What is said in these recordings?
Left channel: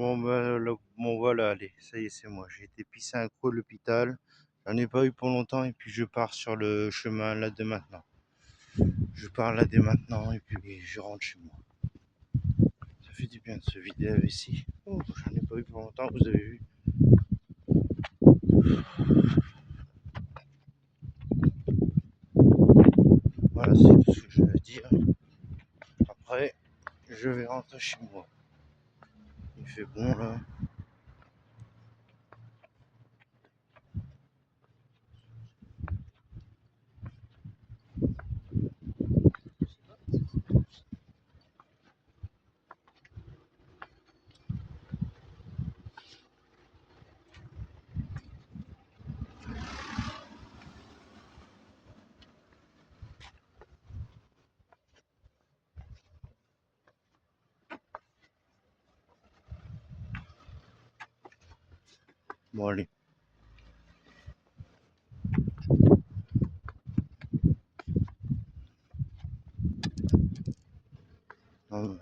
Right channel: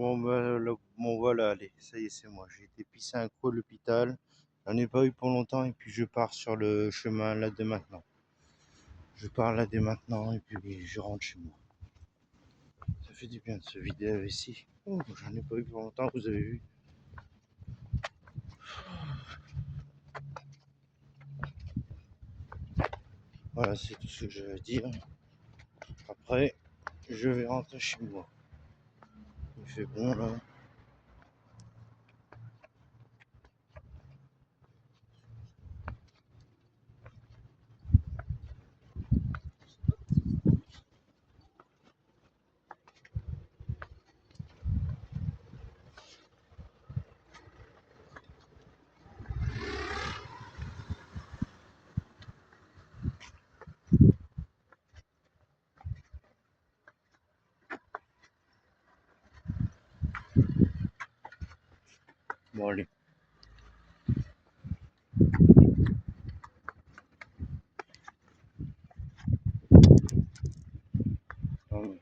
Bon voilà, allez, ça y est, c'est moi. J'ai été pisser un coup à l'hôpital. J'en ai pas eu pour longtemps et puis je pars sur le chemin là dès maintenant. Je pars là dès maintenant et puis je rentre chez moi. Ça fait du bien de se vider la vessie. Oh, j'en ai pas eu pour longtemps, vous avez vu. Voilà, c'est tout ce que je vais dire. Après, je vais rentrer chez moi. Il fait bon là. Bon allez. Non,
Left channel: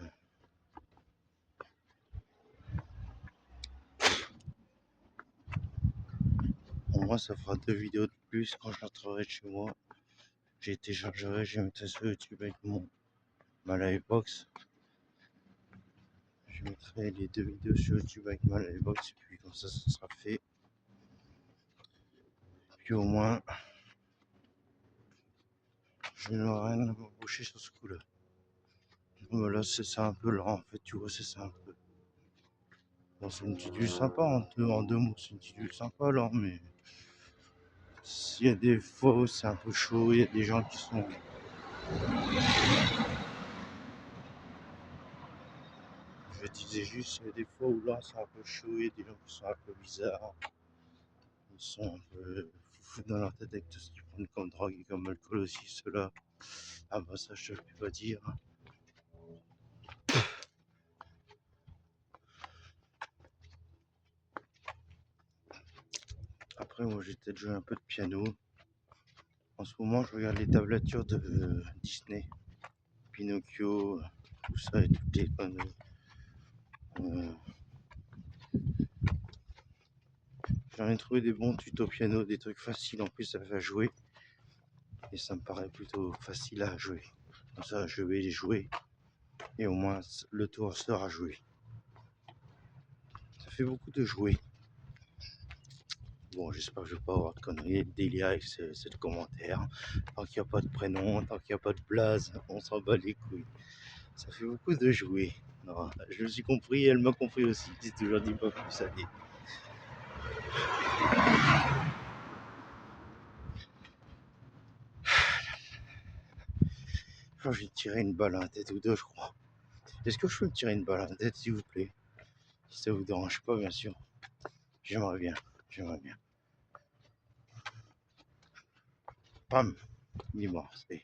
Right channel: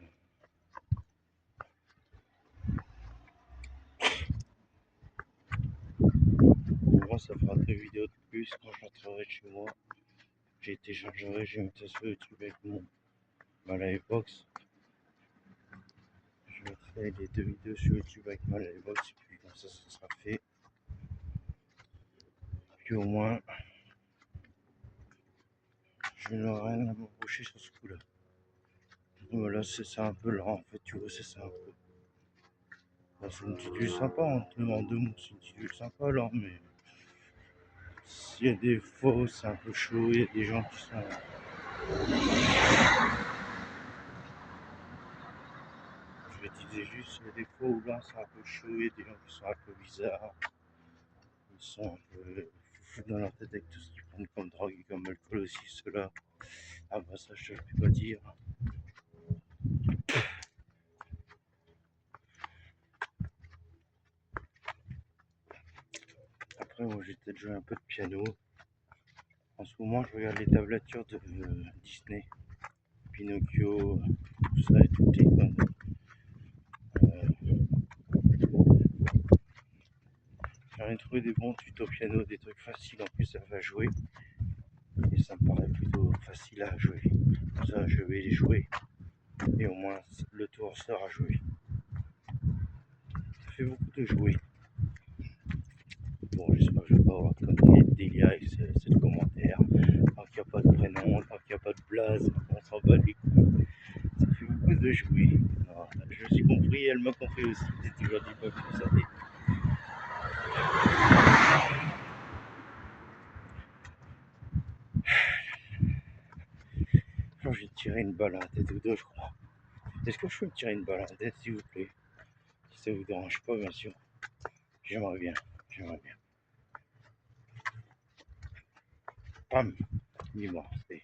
moi ça fera 2 vidéos de plus quand je rentrerai chez moi. J'ai téléchargerai, je mettrai sur YouTube avec ma livebox. Je mettrai les 2 vidéos sur YouTube avec ma livebox et puis comme ça sera fait. Puis au moins je n'aurai rien à me reprocher sur ce coup-là. Voilà, c'est ça un peu lent en fait, tu vois, c'est ça un peu. Bon, c'est une petite ville sympa, en deux mots, c'est une petite ville sympa là, mais il y a des fois où c'est un peu chaud, il y a des gens qui sont. Je disais juste, il y a des fois où là c'est un peu chaud, il y a des gens qui sont un peu bizarres. Ils sont un peu fous dans leur tête avec tout ce qu'ils prennent comme drogue et comme alcool aussi, ceux-là. Ah bah ça je te le peux pas dire. Après moi j'ai peut-être joué un peu de piano. En ce moment je regarde les tablatures de Disney. Pinocchio, tout ça et toutes les conneries. Euh, J'en ai trouvé des bons tutos piano, des trucs faciles en plus à jouer. Et ça me paraît plutôt facile à jouer. Comme ça je vais les jouer. Et au moins le tour sera joué. Ça fait beaucoup de jouer. Bon, j'espère que je vais pas avoir de conneries de délire avec ce commentaire. Tant qu'il n'y a pas de prénom, tant qu'il n'y a pas de blaze, on s'en bat les couilles. Ça fait beaucoup de jouer. Non, je me suis compris, elle m'a compris aussi. J'ai toujours dit pas plus, allez. Oh, j'ai tiré une balle à la tête ou deux, je crois. Est-ce que je peux me tirer une balle à la tête, s'il vous plaît? Si ça vous dérange pas, bien sûr. J'aimerais bien, j'aimerais bien. Pam, il est mort, c'est.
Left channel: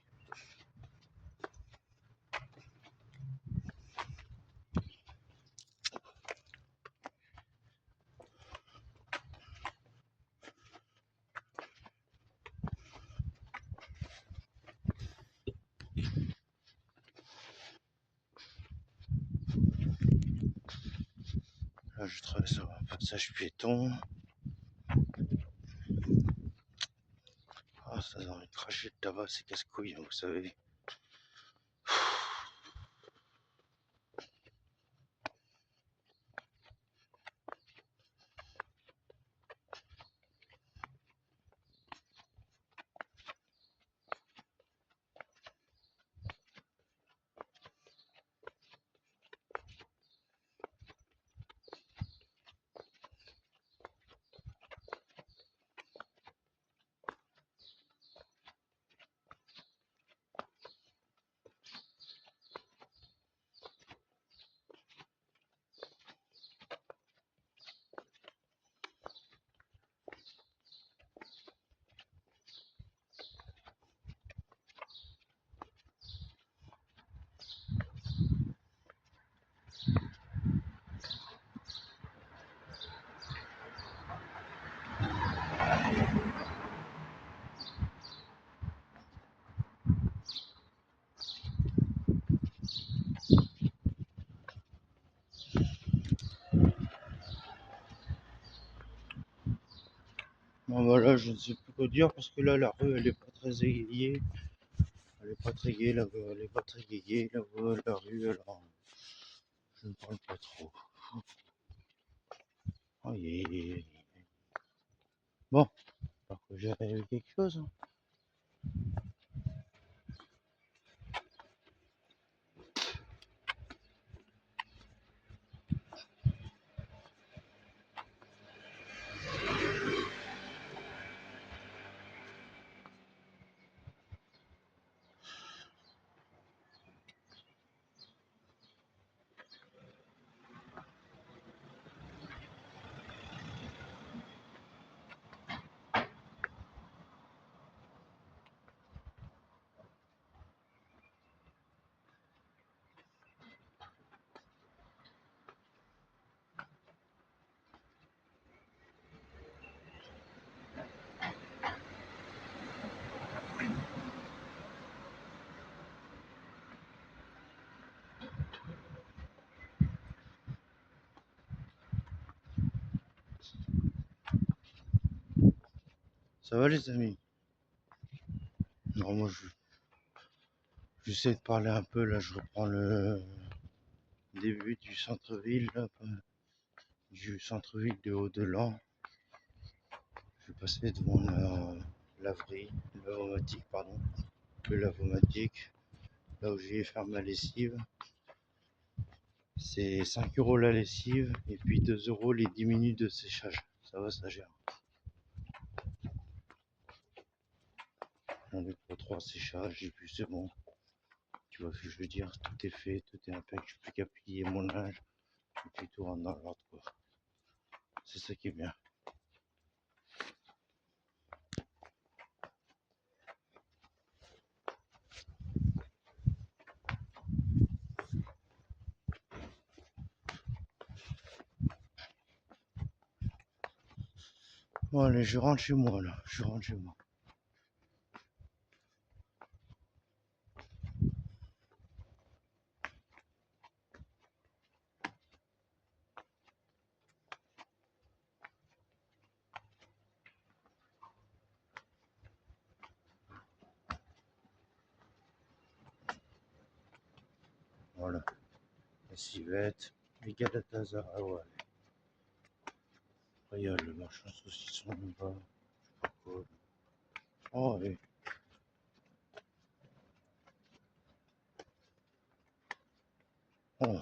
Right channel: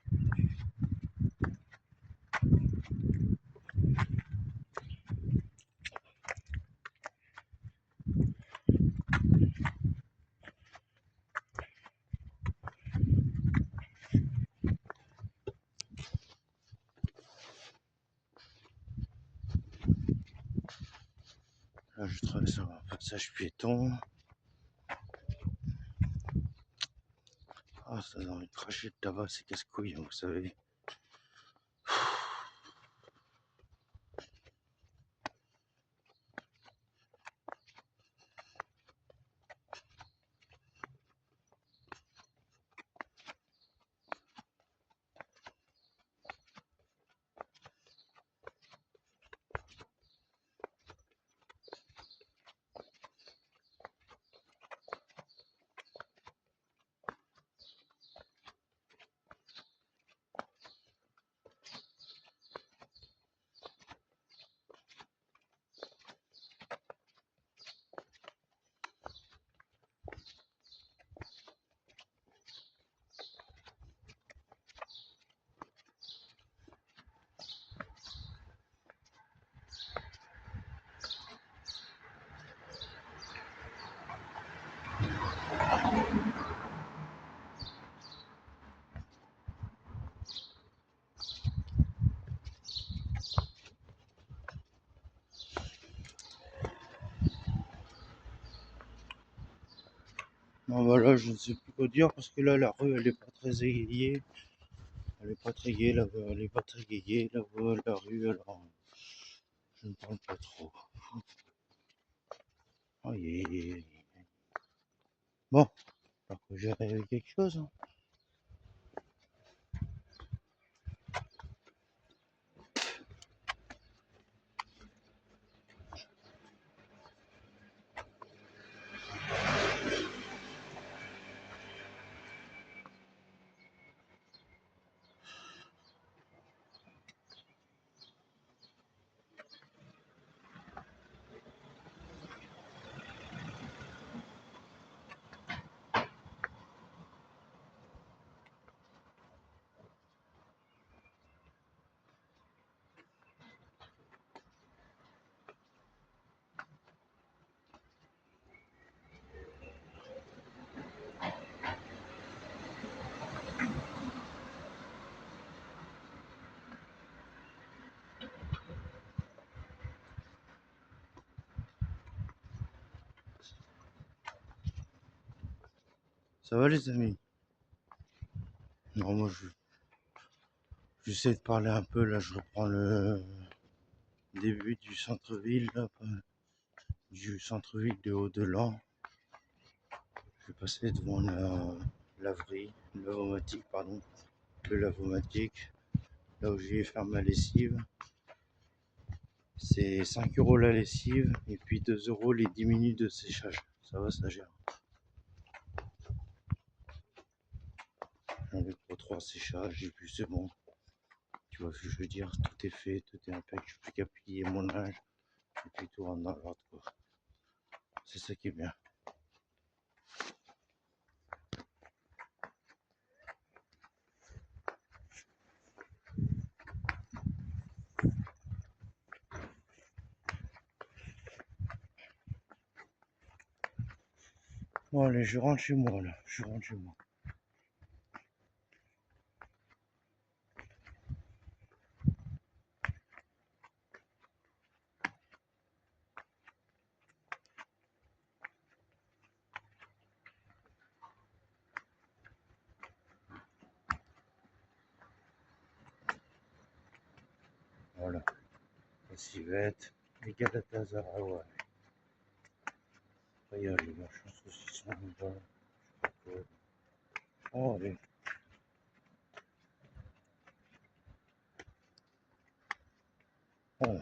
Là, je traverse un passage piéton. Ah, ça a envie de cracher de tabac, c'est casse-couille, vous savez. Non, bah là, je ne sais plus quoi dire parce que là, la rue, elle est pas très égayée. Elle est pas très gaie, elle est pas très égayée, la rue, alors je ne parle pas trop. Aïe, aïe, aïe, aïe. Bon, alors que j'ai rêvé quelque chose. Hein. Ça va les amis? Non, moi j'essaie de parler un peu, là je reprends le début du centre-ville, du centre-ville de Haut-de-Lan. Je vais passer devant la laverie, lavomatique, pardon, le lavomatique, là où je vais faire ma lessive. C'est 5 € la lessive et puis 2 € les 10 minutes de séchage. Ça va, ça gère. J'en ai pour 3 séchages et puis c'est bon. Tu vois ce que je veux dire? Tout est fait, tout est impec. Je n'ai plus qu'à plier mon linge et puis tout rentre dans l'ordre, quoi. C'est ça qui est bien. Bon allez, je rentre chez moi là. Je rentre chez moi. Voilà. La civette, les Galatasaray, ouais. Après, il y a le machin saucisson là-bas. Oh, allez. Oh.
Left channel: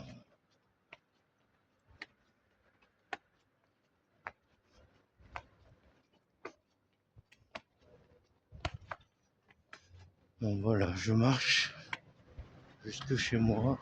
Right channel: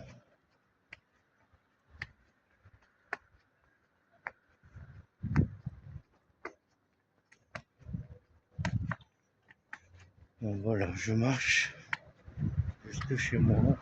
Bon, voilà, je marche jusque chez moi.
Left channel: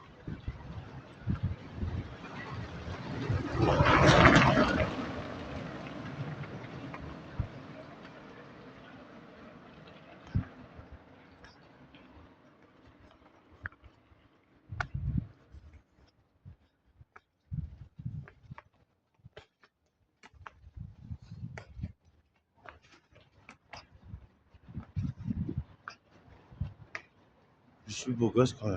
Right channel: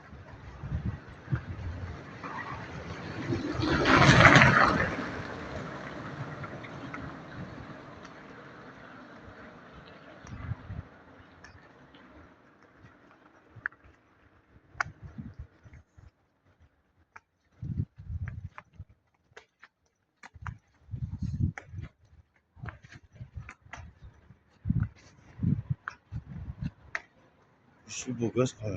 Je suis beau gosse quand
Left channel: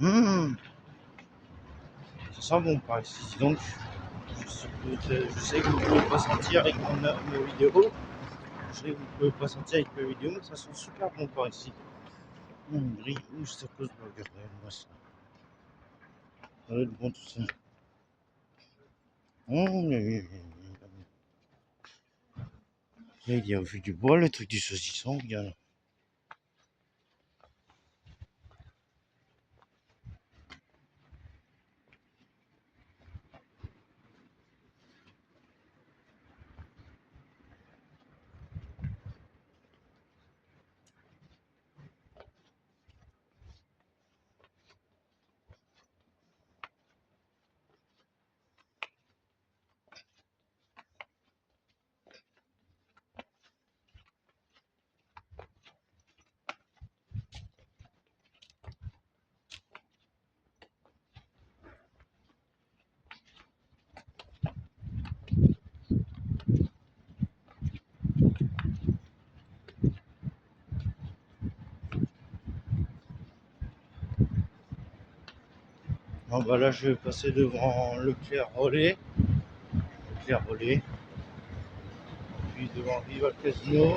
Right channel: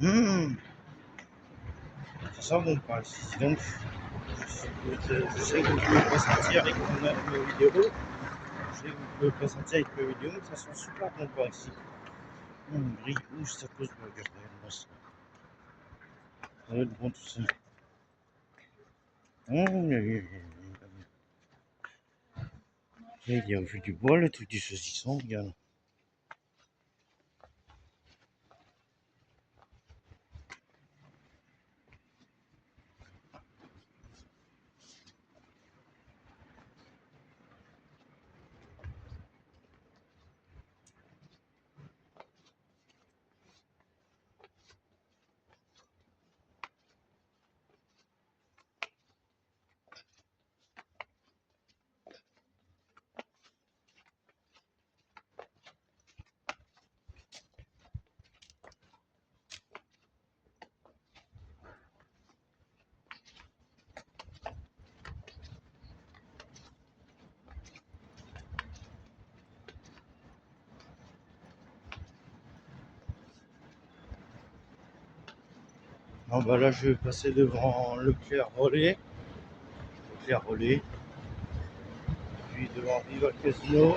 même. Ça sent bon par ici. Donc, je sais que vous ne pouvez pas sentir avec mes vidéos. Je sais que vous ne pouvez pas sentir avec mes vidéos, mais ça sent super bon par ici. Brille, ça cause burger. Ouais, moi, ça va être bon tout ça. Il y a du bois, le truc du saucisson, regarde. Non, bah là, je vais passer devant Leclerc Relais. Leclerc Relais. Puis devant Rival Casino.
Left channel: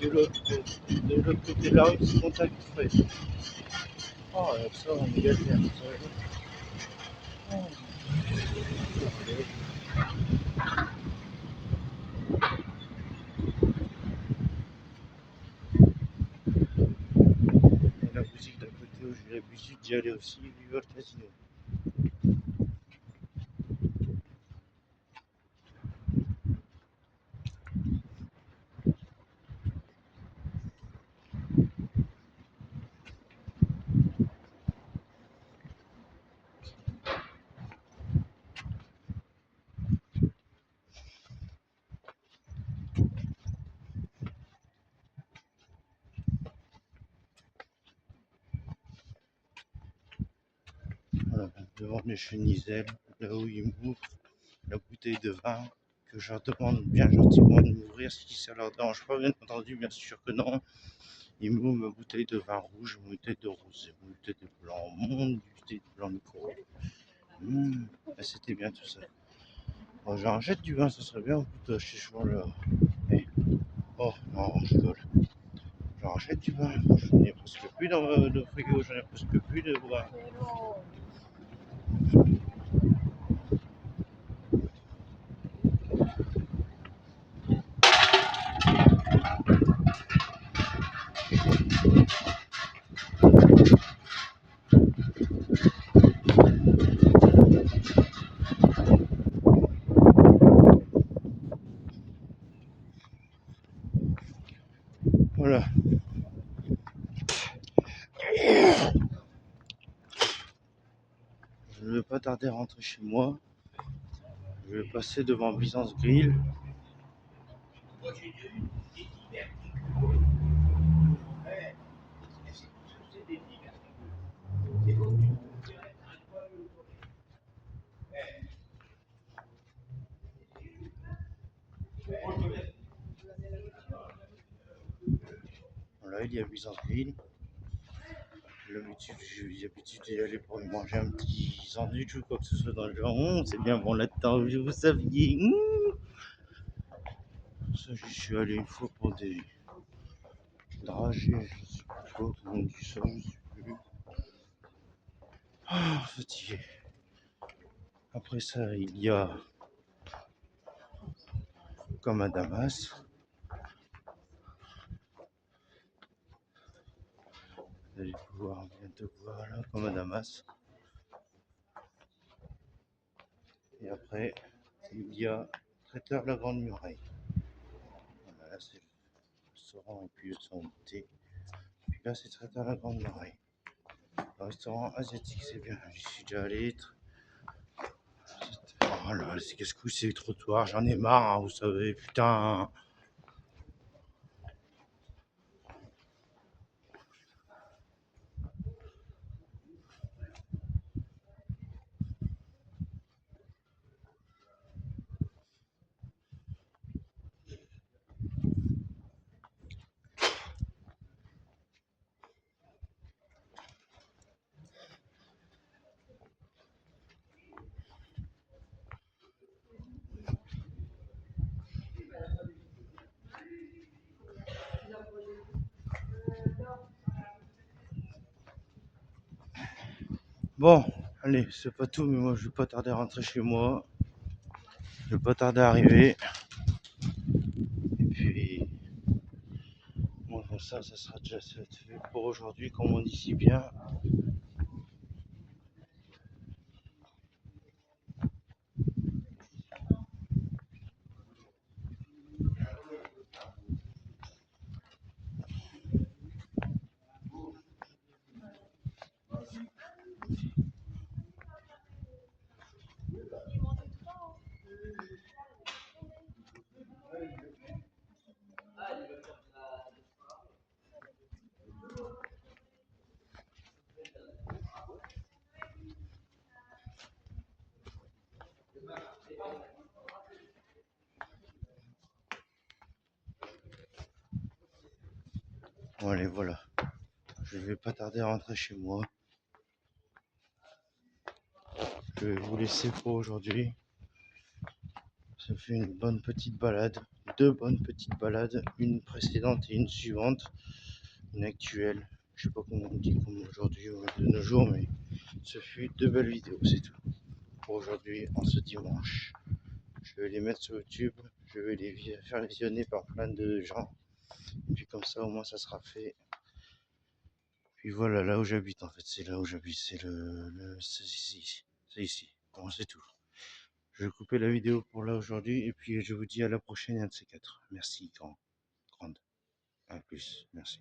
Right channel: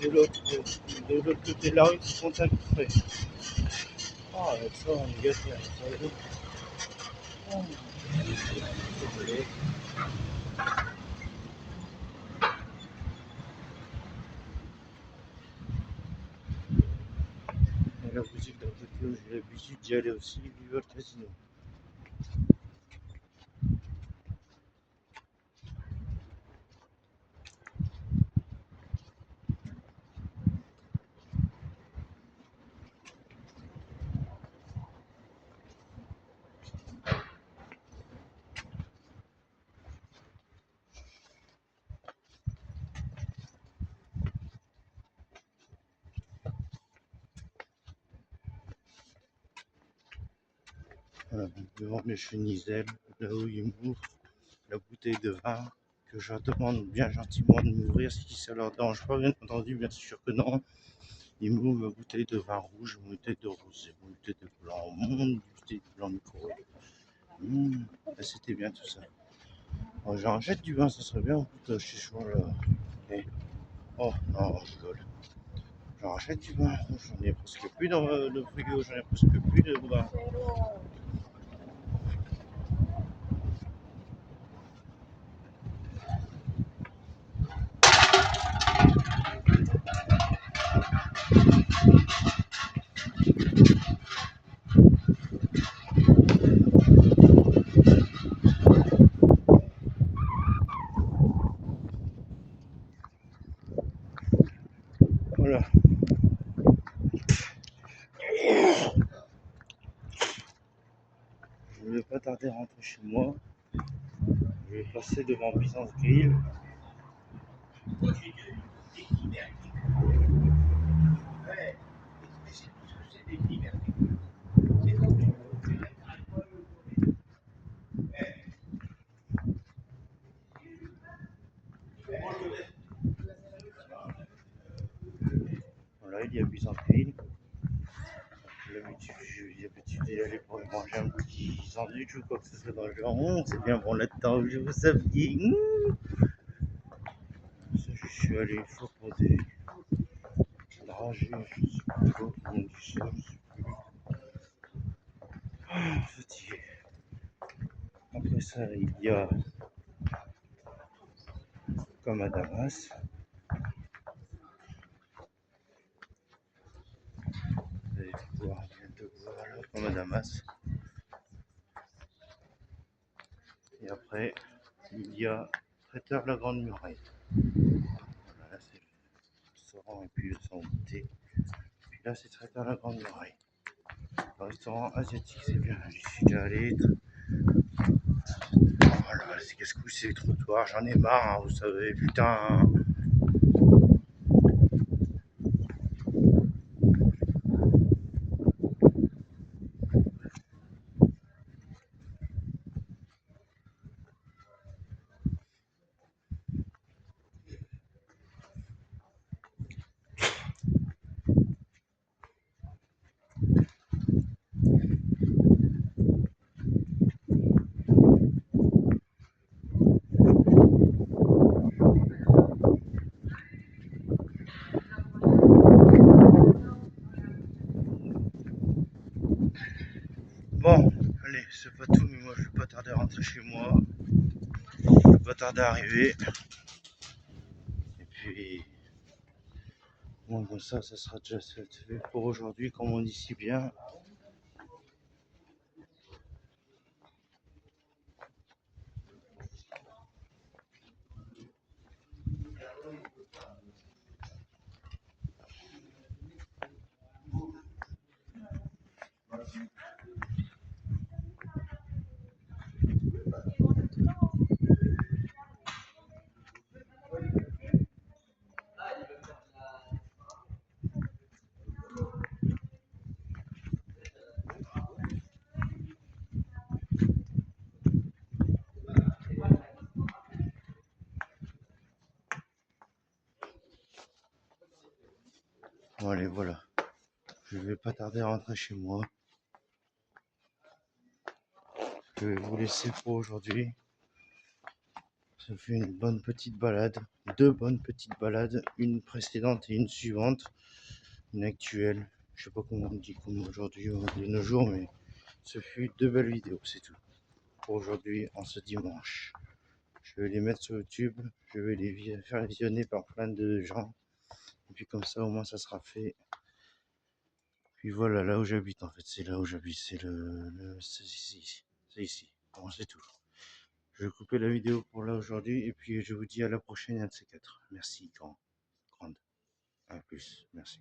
De l'autre côté de la rue, c'est Contact Frais. Ah, avec ça, on est gâtés, hein, vous savez. Oh, et la boutique d'à côté où j'ai l'habitude d'y aller aussi, Rival Casino. Voilà, devant les Cheniselles, là où ils m'ouvrent la bouteille de vin, que je leur demande bien gentiment de m'ouvrir si ça leur dérange pas, bien entendu, bien sûr que non. Ils m'ouvrent ma bouteille de vin rouge, ma bouteille de rosé, ma bouteille de blanc, mon bouteille de blanc micro. C'était bien tout ça. Oh, j'en achète du vin, ça serait bien, putain, chez Chouin là. Eh. Oh non, je rigole. J'en rachète du vin, j'en ai presque plus dans le frigo, j'en ai presque plus de vin. Voilà. Je ne vais pas tarder à rentrer chez moi. Je vais passer devant Byzance Grill. Voilà, il y a Byzance Grill. J'ai l'habitude d'y aller pour y manger un petit sandwich ou quoi que ce soit dans le genre. C'est bien bon là-dedans, je vous saviez. Ça, je suis allé une fois pour des dragées, je sais pas quoi, comment on dit ça, je sais plus. Fatigué. Après ça, il y a comme à Damas. Vous allez pouvoir bientôt voir là, comme à Damas. Et après, il y a Traiteur La Grande Muraille. Voilà, là c'est le restaurant et puis le salon de thé. Puis là, c'est Traiteur La Grande Muraille. Le restaurant asiatique, c'est bien. J'y suis déjà allé. Voilà, c'est qu'est-ce que c'est le trottoir, j'en ai marre, hein, vous savez, putain. Bon, allez, c'est pas tout, mais moi je vais pas tarder à rentrer chez moi. Je vais pas tarder à arriver. Et puis, bon, comme ça sera déjà fait pour aujourd'hui, comme on dit si bien. Bon, allez, voilà. Je vais pas tarder à rentrer chez moi. Je vais vous laisser pour aujourd'hui. Ça fait une bonne petite balade, 2 bonnes petites balades, une précédente et une suivante, une actuelle. Je sais pas comment on dit comme aujourd'hui de nos jours, mais ce fut 2 belles vidéos, c'est tout. Pour aujourd'hui, en ce dimanche. Je vais les mettre sur YouTube, je vais les faire visionner par plein de gens. Et puis comme ça, au moins, ça sera fait. Puis voilà, là où j'habite, en fait, c'est là où j'habite, c'est ici. C'est ici. Bon, c'est tout. Je vais couper la vidéo pour là aujourd'hui, et puis je vous dis à la prochaine, un de ces quatre. Merci, grande. À plus, merci.